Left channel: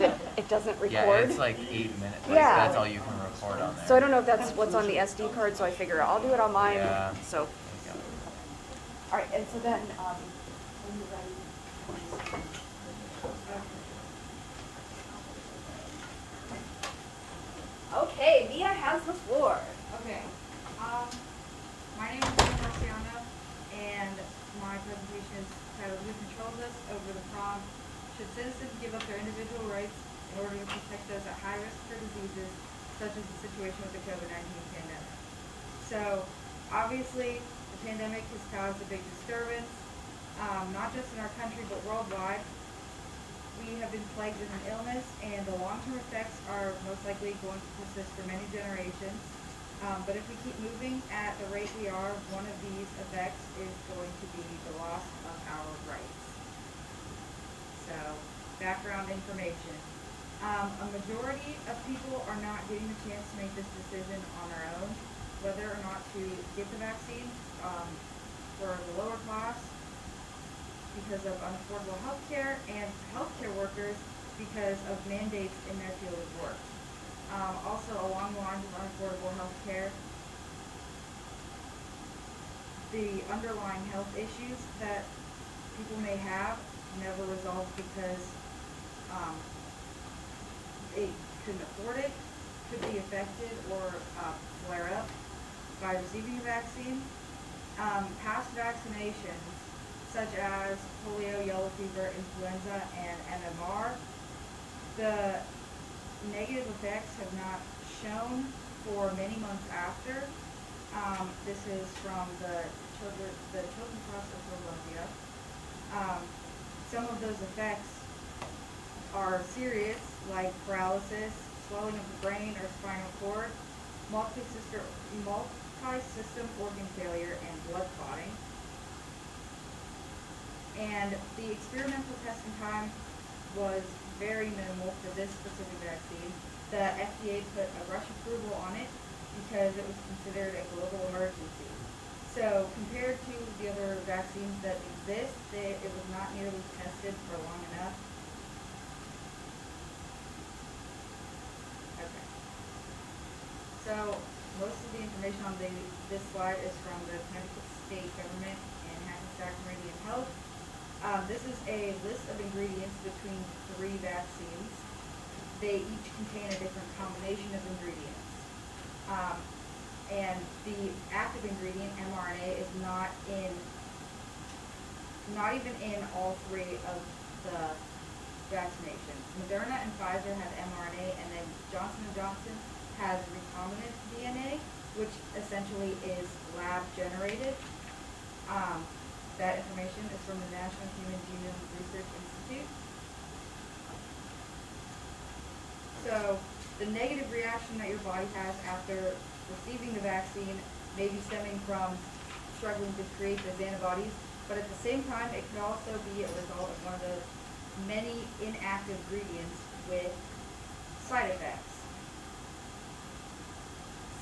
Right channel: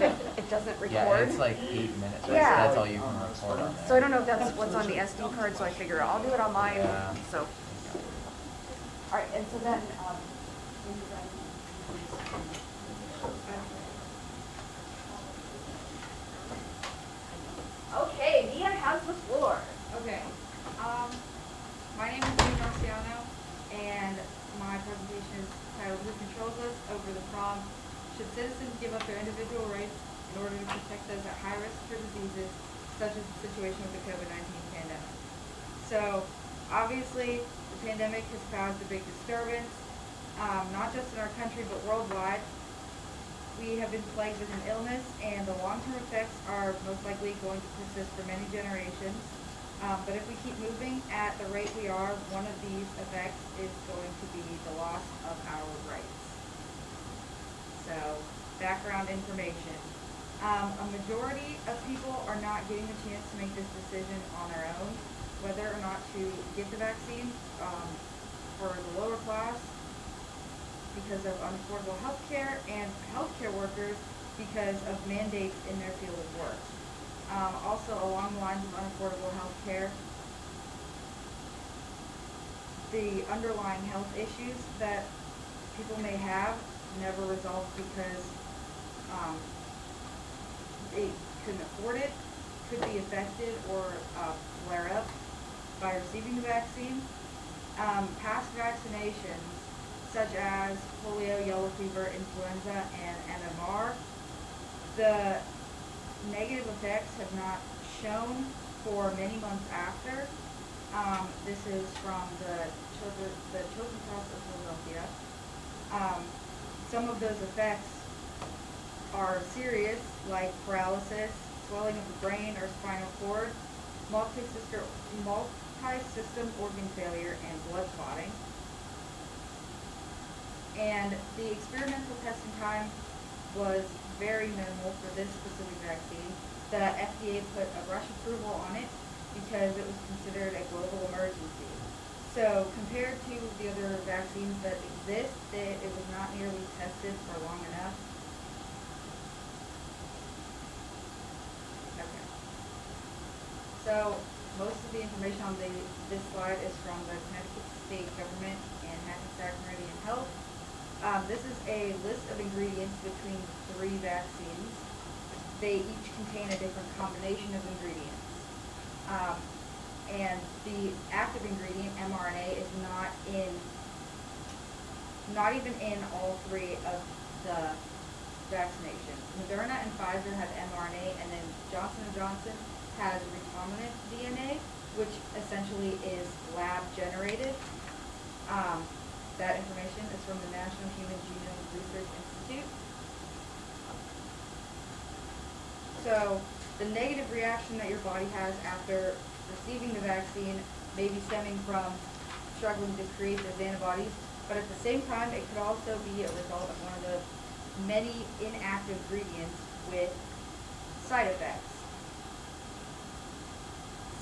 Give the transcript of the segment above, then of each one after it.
it doesn't record. Yeah, it's like 8 minutes. Like, Yeah. that's all you can record on there. So I don't know if that's what's on the SD card, so I figure I'll do it on mine. Yeah. So, There you go. all right, and so then, when you're ready. Okay, Mia has the floor. Okay. My name is Mia Marciano, and my presentation is titled "Who Controls Us?" Over the prompt, should citizens give up their individual rights in order to protect those at high risk for diseases, such as the situation with the COVID-19 pandemic? So, obviously, the pandemic has caused a big disturbance, not just in our country, but worldwide. We have been plagued with an illness, and the long-term effects are most likely going to persist for many generations. But if we keep moving at the rate we are, one of these effects is going to be the loss of our rights. So, background information. A majority of people are not getting the chance to make this decision on their own, whether or not to get the vaccine. For the lower class, because of unaffordable health care, and healthcare workers because of mandates in their field of work. Also, along the lines of unaffordable health care, the underlying health issues that people may have never resolved because they couldn't afford it, could be affected or flare up by receiving the vaccine. Past vaccinations, such as polio, yellow fever, influenza, and MMR, the negative effects have not shown for many months after. This is from the Children's Hospital of Philadelphia. Some of those effects are serious, like paralysis, swelling of the brain or spinal cord, multi-system organ failure, and blood clotting. And the experimental testing time was very minimal for this specific vaccine. The FDA put a rush approval on it because it was considered a global emergency. So compared to the other vaccines that exist, it was not nearly tested for long enough. Okay. So most of the information on this slide is from the Connecticut State Government and Hackensack Meridian Health. This is a list of ingredients between 3 vaccines. They each contain a different combination of ingredients. And the active ingredient, mRNA, is not even in all 3 of the vaccinations. Moderna and Pfizer have mRNA, and then Johnson & Johnson has recombinant DNA, which essentially is lab generated. That information is from the National Human Genome Research Institute. So, the negative reaction that your body has after receiving the vaccine may be stemming from struggling to create those antibodies, but at the same time, it could also be a result of one of the many inactive ingredients with side effects.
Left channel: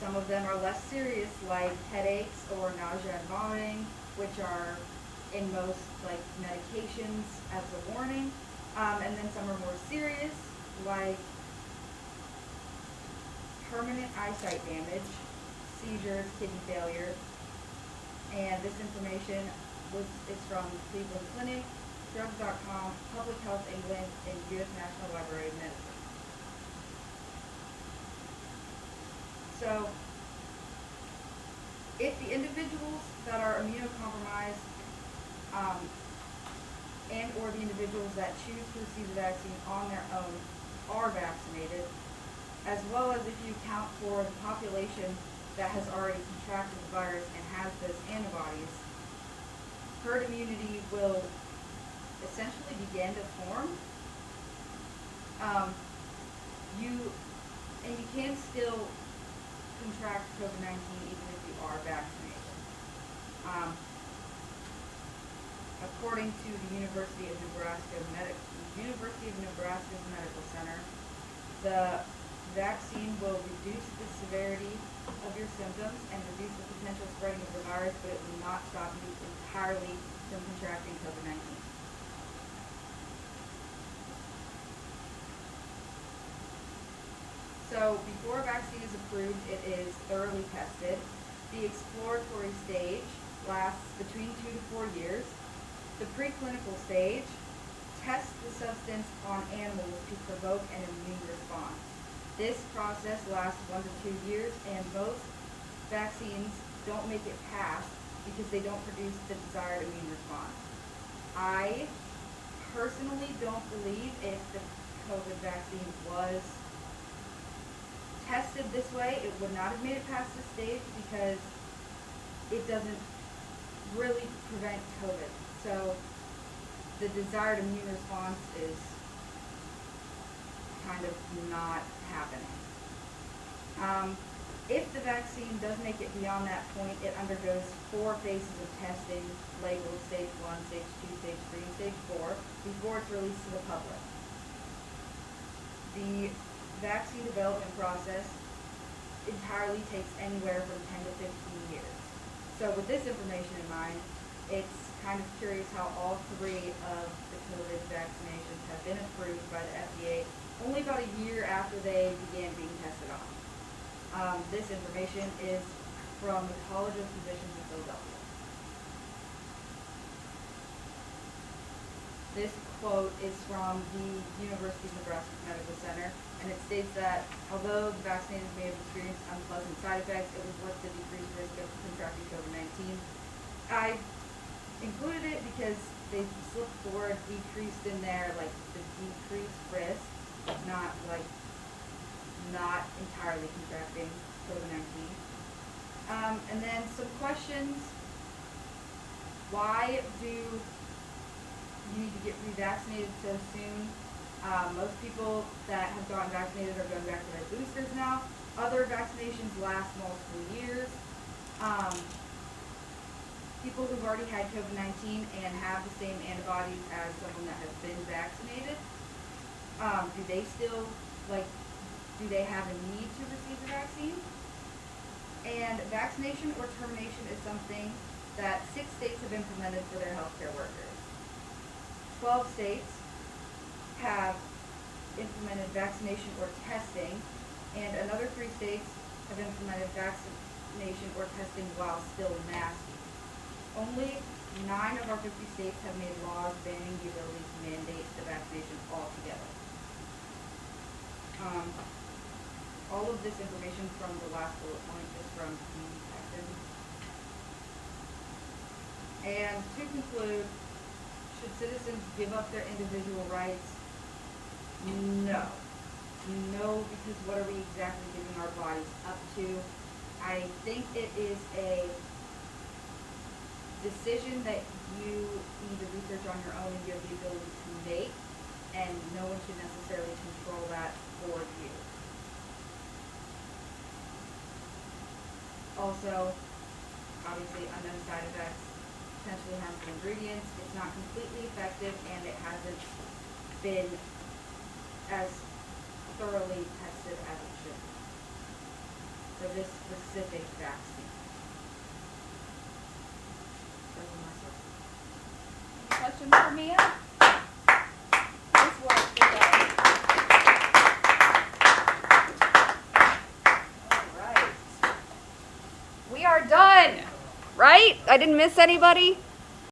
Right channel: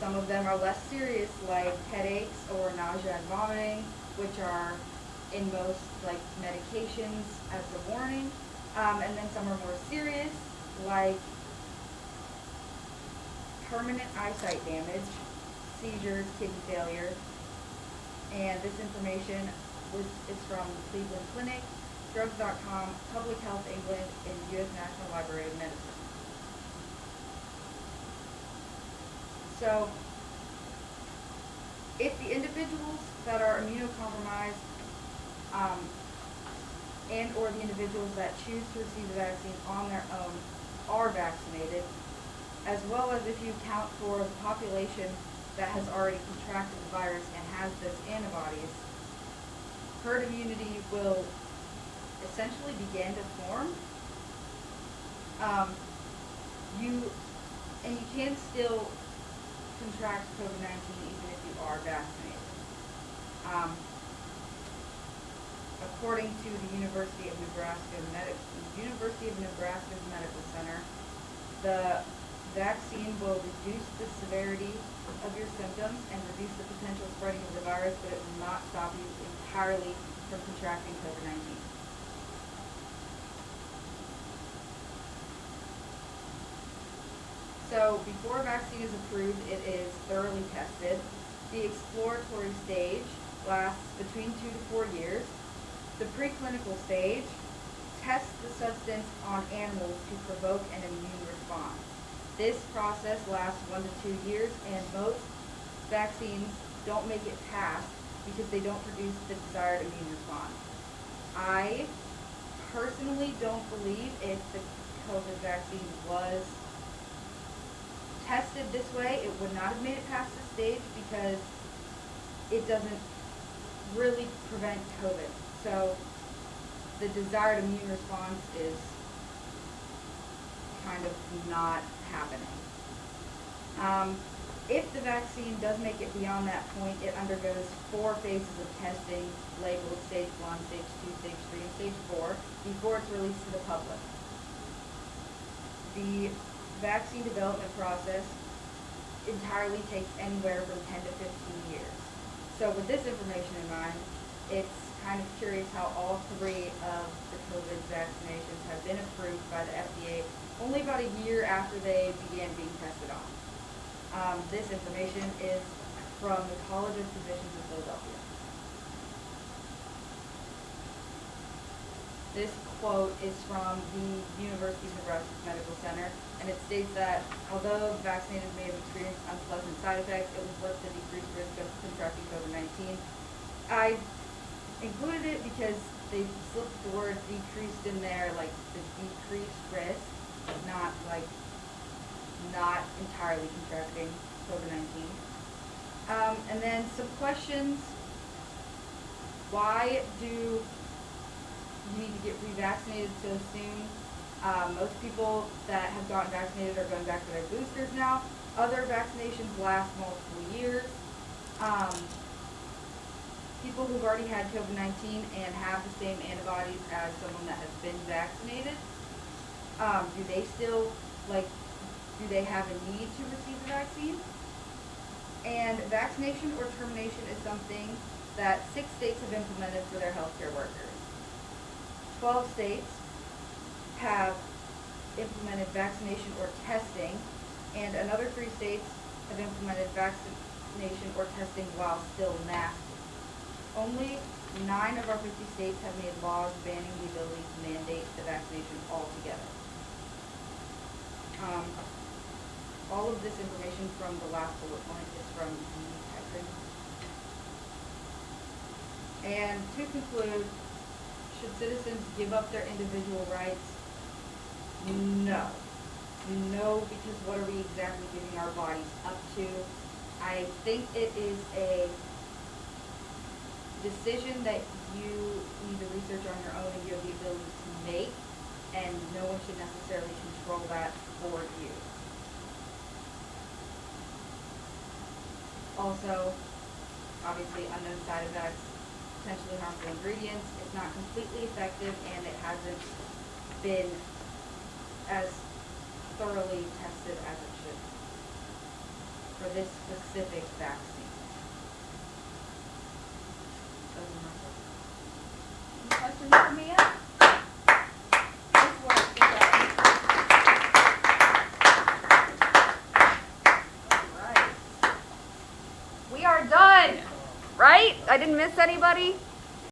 Some of them are less serious, like headaches or nausea and vomiting, which are in most medications as a warning. And then some are more serious, like permanent eyesight damage, seizures, kidney failure. And this information is from Cleveland Clinic, Drugs.com, Public Health England, and U.S. National Library of Medicine. So, if the individuals that are immunocompromised and or the individuals that choose to receive the vaccine on their own are vaccinated, as well as if you account for the population that has already contracted the virus and has those antibodies, herd immunity will essentially begin to form. You can still contract COVID-19 even if you are vaccinated. According to the University of Nebraska's Medical Center, the vaccine will reduce the severity of your symptoms and reduce the potential spreading of the virus, but it will not stop you entirely from contracting COVID-19. So before a vaccine is approved, it is thoroughly tested. The exploratory stage lasts between 2 to 4 years. The preclinical stage tests the substance on animals to provoke an immune response. This process lasts 1 to 2 years, and most vaccines don't make it past because they don't produce the desired immune response. I personally don't believe if the COVID vaccine was tested this way, it would not have made it past this stage because it doesn't really prevent COVID. So the desired immune response is kind of not happening. If the vaccine does make it beyond that point, it undergoes 4 phases of testing labeled stage 1, stage 2, stage 3, and stage 4 before it's released to the public. The vaccine development process entirely takes anywhere from 10 to 15 years. So with this information in mind, it's kind of curious how all 3 of the COVID vaccinations have been approved by the FDA only about a year after they began being tested on. This information is from the College of Physicians in Philadelphia. This quote is from the University of Nebraska Medical Center, and it states that although the vaccinated may have experienced unpleasant side effects, it was worth the decreased risk of contracting COVID-19. I included it because they slipped the word decreased in there, like the decreased risk, not like not entirely contracting COVID-19. And then some questions. Why do you need to get revaccinated so soon? Most people that have gotten vaccinated are going back to their boosters now. Other vaccinations last multiple years. People who've already had COVID-19 and have the same antibodies as someone that has been vaccinated, do they have a need to receive the vaccine? And vaccination or termination is something that 6 states have implemented for their healthcare workers. 12 states have implemented vaccination or testing, and another 3 states have implemented vaccination or testing while still masking. Only 9 of our 50 states have made laws banning the ability to mandate the vaccination altogether. All of this information from the last bullet point is from the Hector. And to conclude, should citizens give up their individual rights? No. No, because what are we exactly giving our bodies up to? I think it is a decision that you need to research on your own and you have the ability to make, and no one should necessarily control that for you. Also, obviously, unknown side effects, potentially harmful ingredients. It's not completely effective, and it hasn't been as thoroughly tested as it should be for this specific vaccine. Those are my thoughts. Questions for Mia? We are done, right? I didn't miss anybody?